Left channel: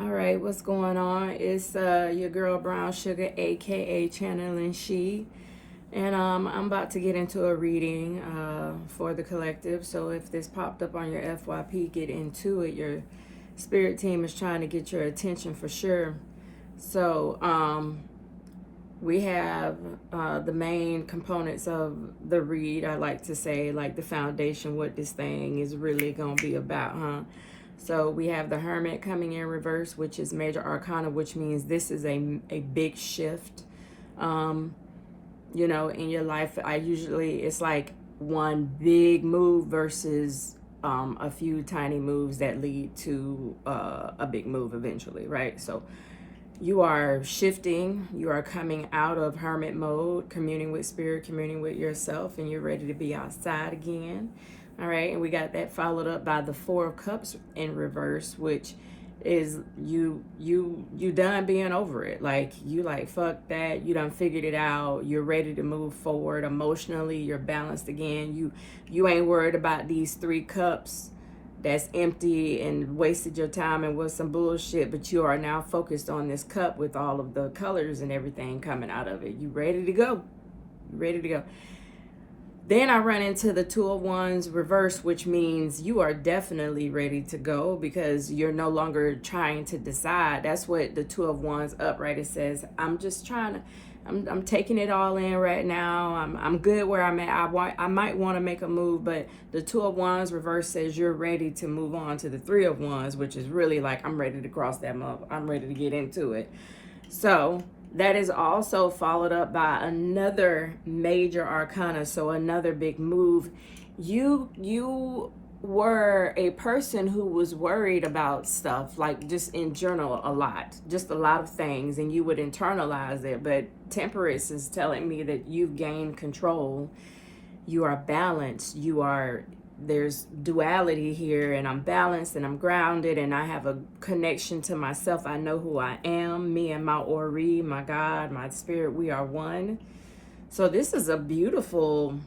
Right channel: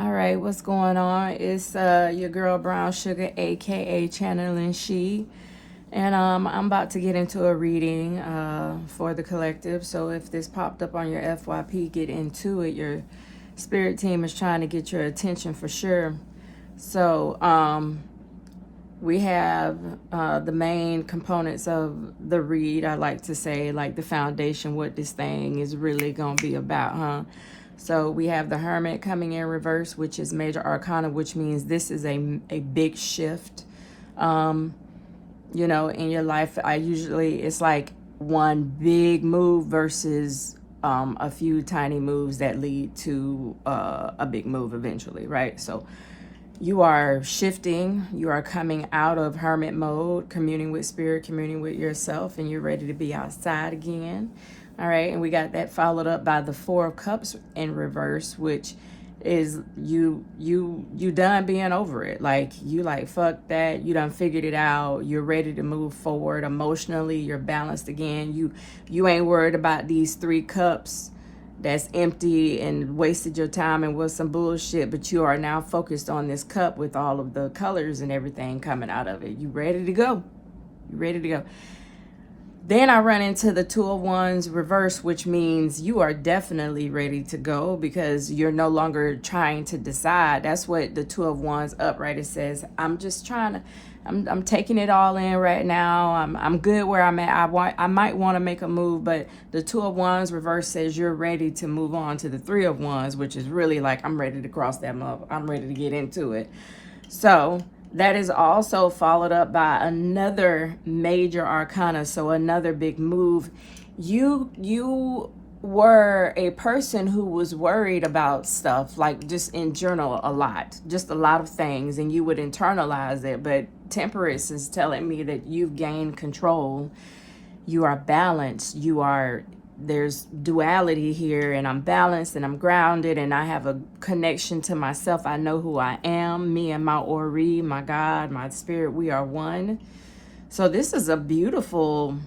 All right, what's going on? It's your girl Brown Sugar, aka Channeling She, and I'm about to get into a reading for the collective. So if this popped up on your FYP, get into it. Your spirit team is trying to get your attention for sure. So we have the main components of the read. I like to say, like the foundation, what this thing is really gonna be about, huh? So we have the Hermit coming in reverse, which is major arcana, which means this is a big shift. In your life, it's like one big move versus a few tiny moves that lead to a big move eventually, right? So you are shifting, you are coming out of hermit mode, communing with spirit, communing with yourself, and you're ready to be outside again. All right, and we got that followed up by the Four of Cups in reverse, which is you done being over it. Like you like fuck that, you done figured it out, you're ready to move forward emotionally, you're balanced again. You ain't worried about these 3 cups that's empty and wasted your time and was some bullshit, but you are now focused on this cup with all of the colors and everything coming out of it. You ready to go. You ready to go. Then I run into the Two of Wands reverse, which means you are definitely ready to go because you're no longer trying to decide. That's what the Two of Wands upright, it says, I'm just trying to, I'm taking it all in right now. I'm good where I'm at. I might want to make a move, but the Two of Wands reverse says you're ready to move on to the Three of Wands, which is really like, I'm ready to cross that up. I'm ready to get into it. So that is also followed up by another major arcana, so another big move. You were a person who was worried about stuff, like just in general a lot, just a lot of things, and you would internalize it. But Temperance is telling me that you've gained control. You are balanced. There's duality here, and I'm balanced and I'm grounded and I have a connection to myself. I know who I am, me and my Ori, my God, my spirit, we are one. So this is a beautiful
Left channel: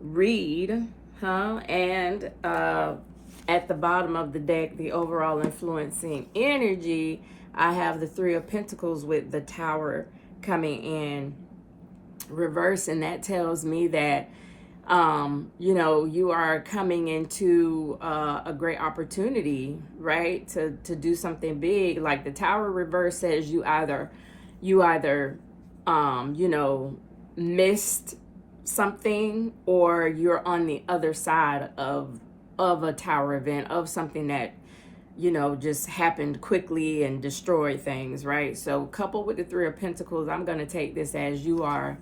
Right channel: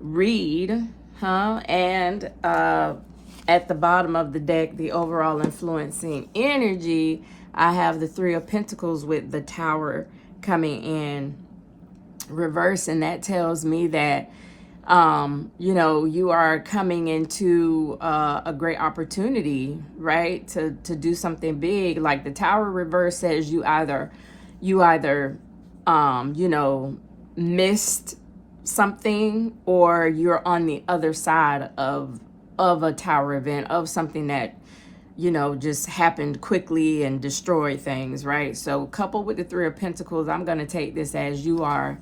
read, huh? And at the bottom of the deck, the overall influencing energy, I have the Three of Pentacles with the Tower coming in reverse, and that tells me that you are coming into a great opportunity, right? To do something big. Like the Tower reverse says you either missed something, or you're on the other side of a tower event, of something that just happened quickly and destroyed things, right? So coupled with the Three of Pentacles, I'm going to take this as you are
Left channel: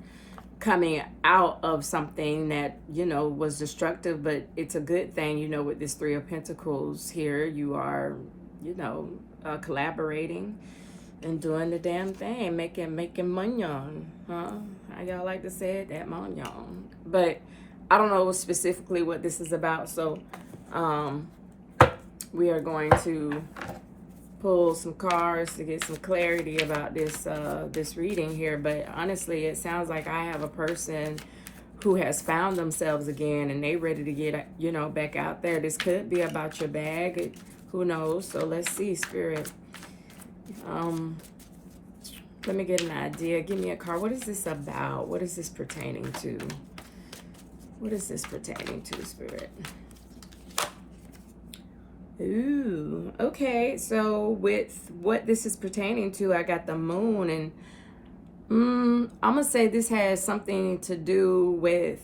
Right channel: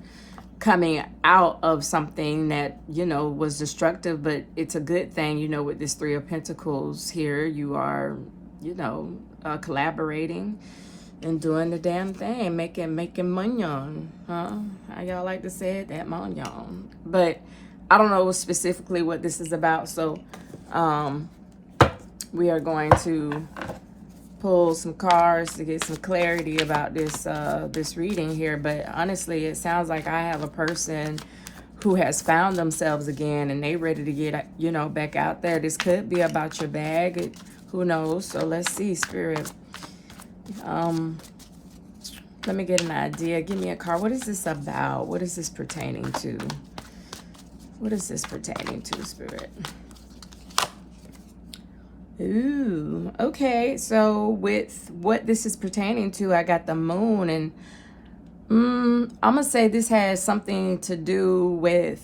coming out of something that was destructive, but it's a good thing. With this Three of Pentacles here, you are collaborating and doing the damn thing, making monyon, huh? How y'all like to say it? That monyon. But I don't know specifically what this is about, so we are going to pull some cards to get some clarity about this reading here. But honestly, it sounds like I have a person who has found themselves again and they ready to get back out there. This could be about your bag, who knows? So let's see, Spirit. Let me get an idea. Give me a card. What is this about? What is this pertaining to? What is this pertaining to, Spirit? Ooh, okay. So with what this is pertaining to, I got the Moon, and I'm gonna say this has something to do with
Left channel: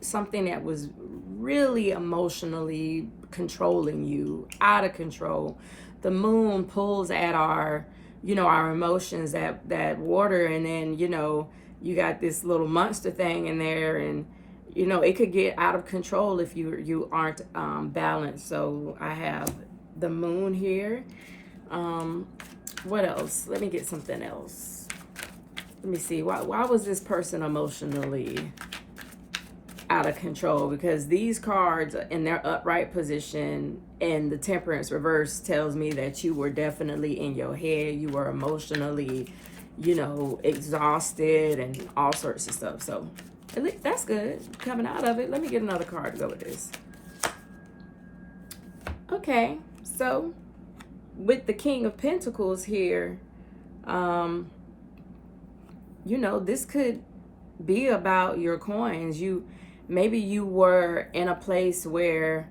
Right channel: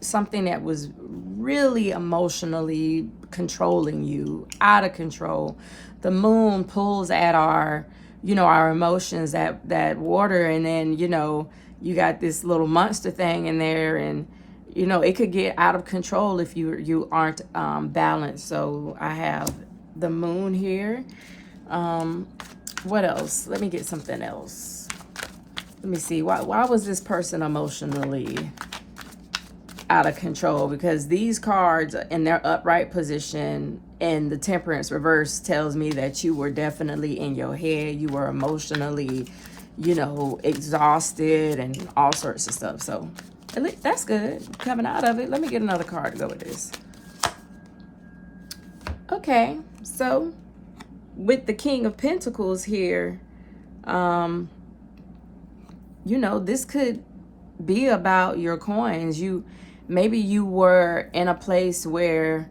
something that was really emotionally controlling you, out of control. The Moon pulls at our emotions, that water, and then you got this little monster thing in there, and it could get out of control if you aren't balanced. So I have the Moon here. What else? Let me get something else. Let me see. Why was this person emotionally out of control? Because these cards in their upright position and the Temperance reverse tells me that you were definitely in your head. You were emotionally, exhausted and all sorts of stuff. So at least that's good. Coming out of it. Let me get another card to go with this. Okay, so with the King of Pentacles here, um, you know, this could be about your coins. Maybe you were in a place where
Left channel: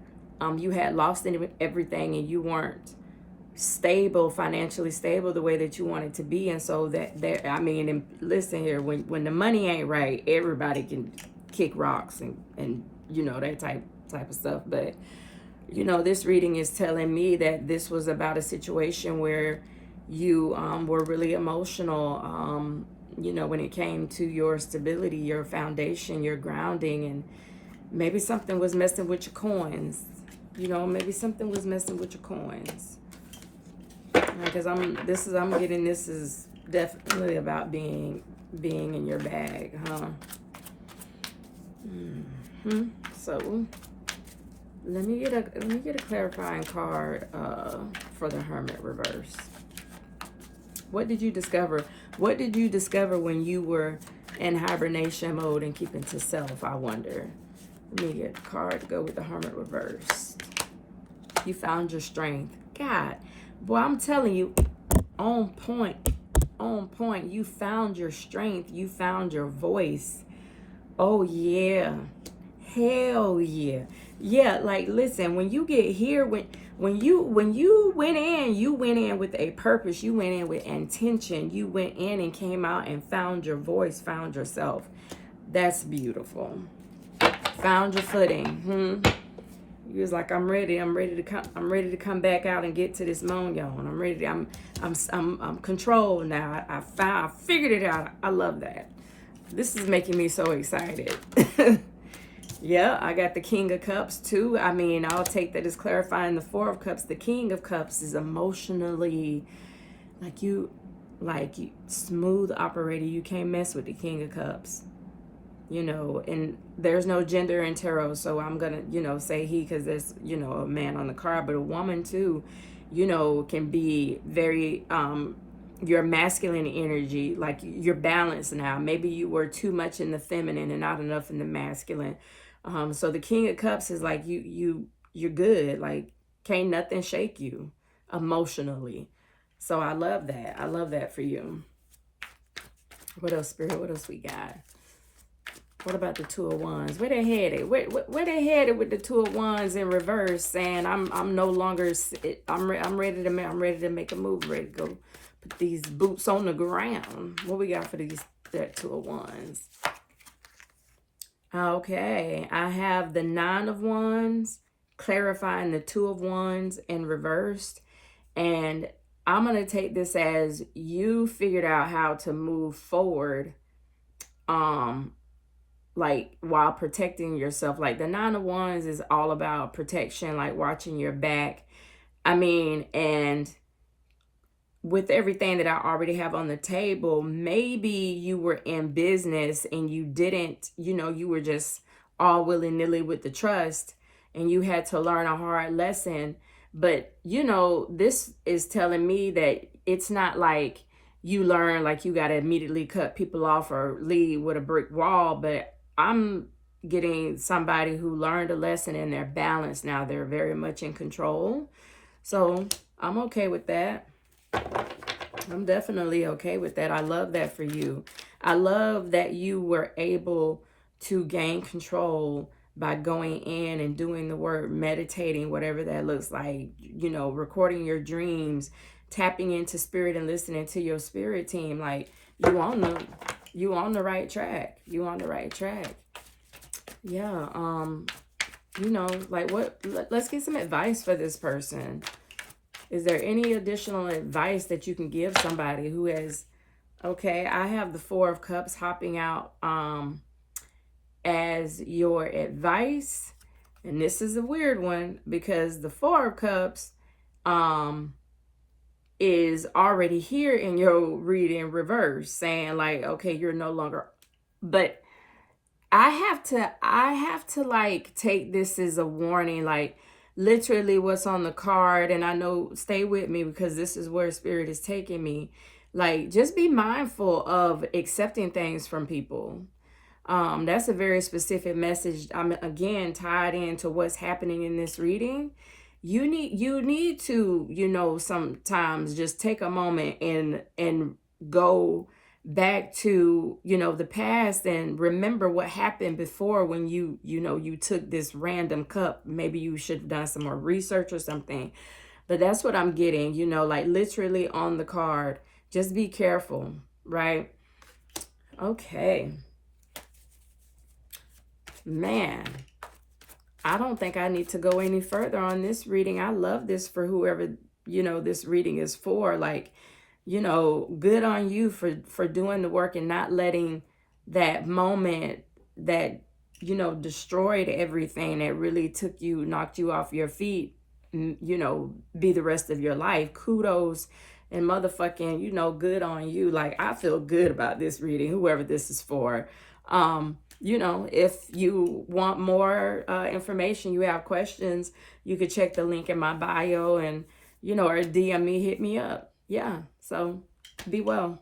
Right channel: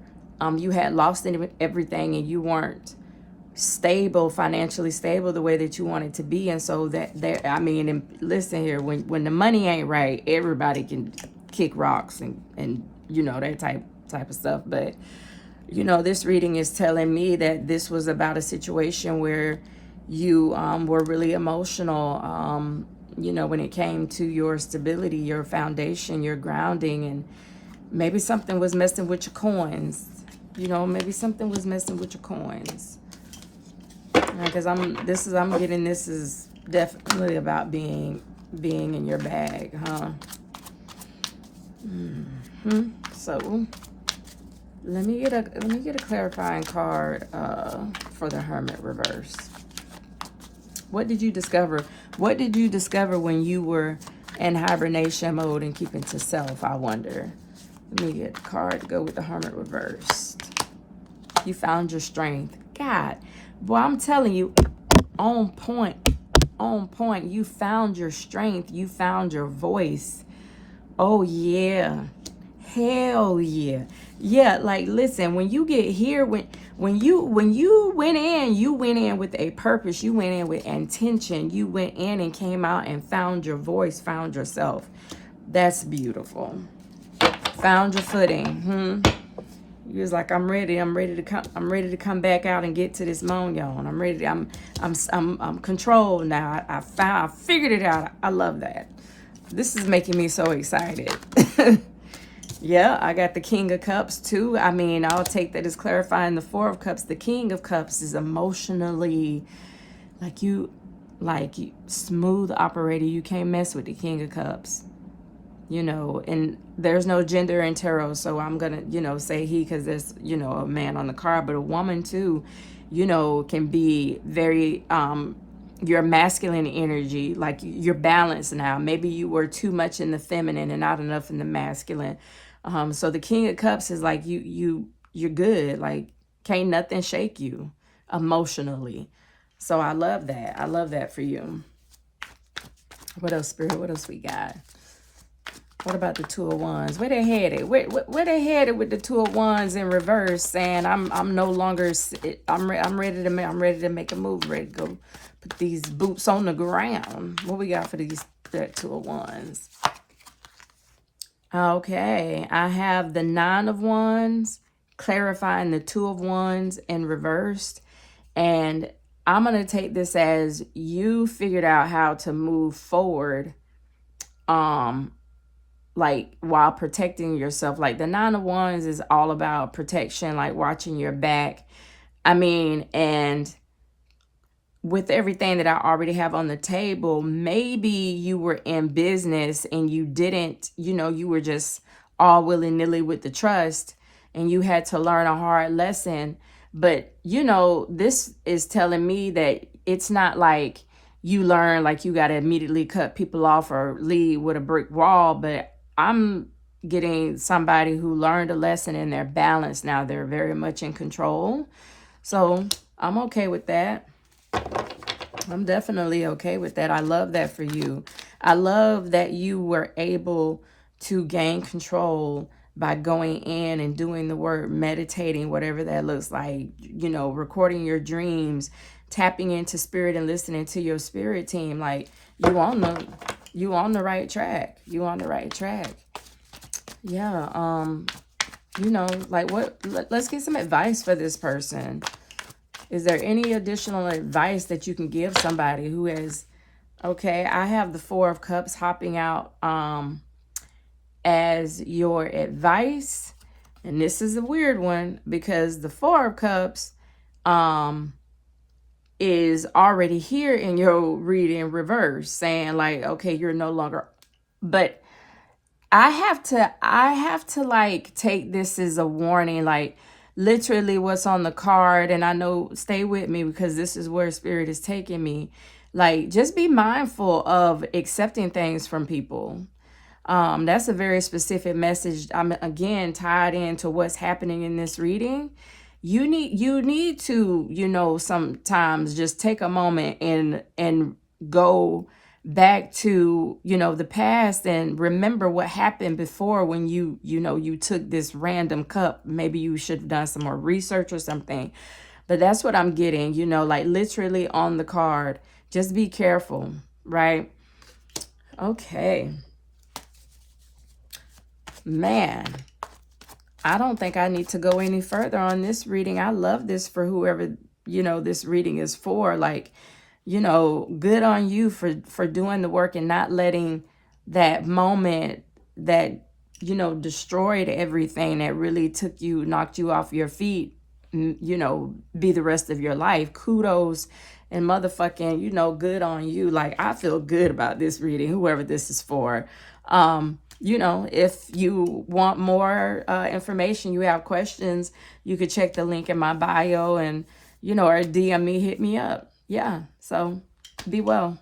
you had lost everything and you weren't stable, financially stable the way that you wanted to be. And so I mean, and listen here, when the money ain't right, everybody can kick rocks and you know, that type of stuff. But you know, this reading is telling me that this was about a situation where you were really emotional, you know, when it came to your stability, your foundation, your grounding, and maybe something was messing with your coins. You know, maybe something was messing with your coins. Because I'm getting this is definitely about being in your bag, huh? So let me get a clarifying card for the Hermit reverse. What did you discover? What did you discover when you were in hibernation mode and keeping to self, I wonder? Let me get a card to go with the Hermit reverse. You found your strength. God, boy, I'm telling you, on point. On point. You found your strength. You found your voice. Oh, yeah. Hell yeah. Yeah, like, listen, when you get here, when you went in with a purpose. You went in with intention. You went in and came out and found your voice, found yourself. That's beautiful. Found your footing. You was like, I'm ready to come back out and get to this moon, y'all. And I'm ready. I'm controlled now. I figured it out. I love that. This is making me so excited. Yeah, I got the King of Cups too. I mean, I'll take that as clarifying the Four of Cups. The King of Cups is emotionally like smooth operator. You can't mess with the King of Cups. You know, and there's no gender in tarot, so I'm gonna, you know, say he, because there's, you know, a man on the card, but a woman too, you know, can be very your masculine energy, like you're balanced now. Maybe you were too much in the feminine and not enough in the masculine. So the King of Cups is like you're good, like can't nothing shake you emotionally. So I love that. I love that for you. What else, Spirit? What else we got? What about the Two of Wands? Where they headed? Where they headed with the Two of Wands in reverse, saying I'm no longer I'm ready to make a move, ready to go put these boots on the ground. What we got for that Two of Wands? Okay, I have the Nine of Wands clarifying the Two of Wands in reversed, and I'm gonna take this as you figured out how to move forward, like while protecting yourself. Like the Nine of Wands is all about protection, like watching your back. I mean, and with everything that I already have on the table, maybe you were in business and you didn't, you know, you were just all willy-nilly with the trust and you had to learn a hard lesson. But, you know, this is telling me that it's not like you learn like you got to immediately cut people off or lead with a brick wall. But I'm getting somebody who learned a lesson and they're balanced now. They're very much in control. So I'm okay with that. I'm definitely okay with that. I love that for you. I love that you were able to gain control by going in and doing the work, meditating, whatever that looks like, you know, recording your dreams, tapping into spirit and listening to your spirit team. Like you on the right track. You on the right track. Yeah. You know, like let's get some advice for this person. Is there any additional advice that you can give somebody who has, okay, I have the Four of Cups hopping out as your advice. And this is a weird one because the Four of Cups is already here in your reading reverse, saying like, okay, you're no longer, but I have to like take this as a warning, like literally what's on the card. And I know, stay with me because this is where spirit is taking me. Like, just be mindful of accepting things from people. That's a very specific message. I'm again tied into what's happening in this reading. you need to, you know, sometimes just take a moment and go back to, you know, the past and remember what happened before when you know, you took this random cup. Maybe you should have done some more research or something. But that's what I'm getting, you know, like literally on the card. Just be careful, right? Okay. Man, I don't think I need to go any further on this reading. I love this for whoever, you know, this reading is for. Like, you know, good on you for doing the work and not letting that moment that, you know, destroyed everything, that really took you, knocked you off your feet, you know, be the rest of your life. Kudos and motherfucking, you know, good on you. Like, I feel good about this reading, whoever this is for. You know, if you want more information, you have questions, you could check the link in my bio and, you know, or DM me, hit me up. Yeah, so be well.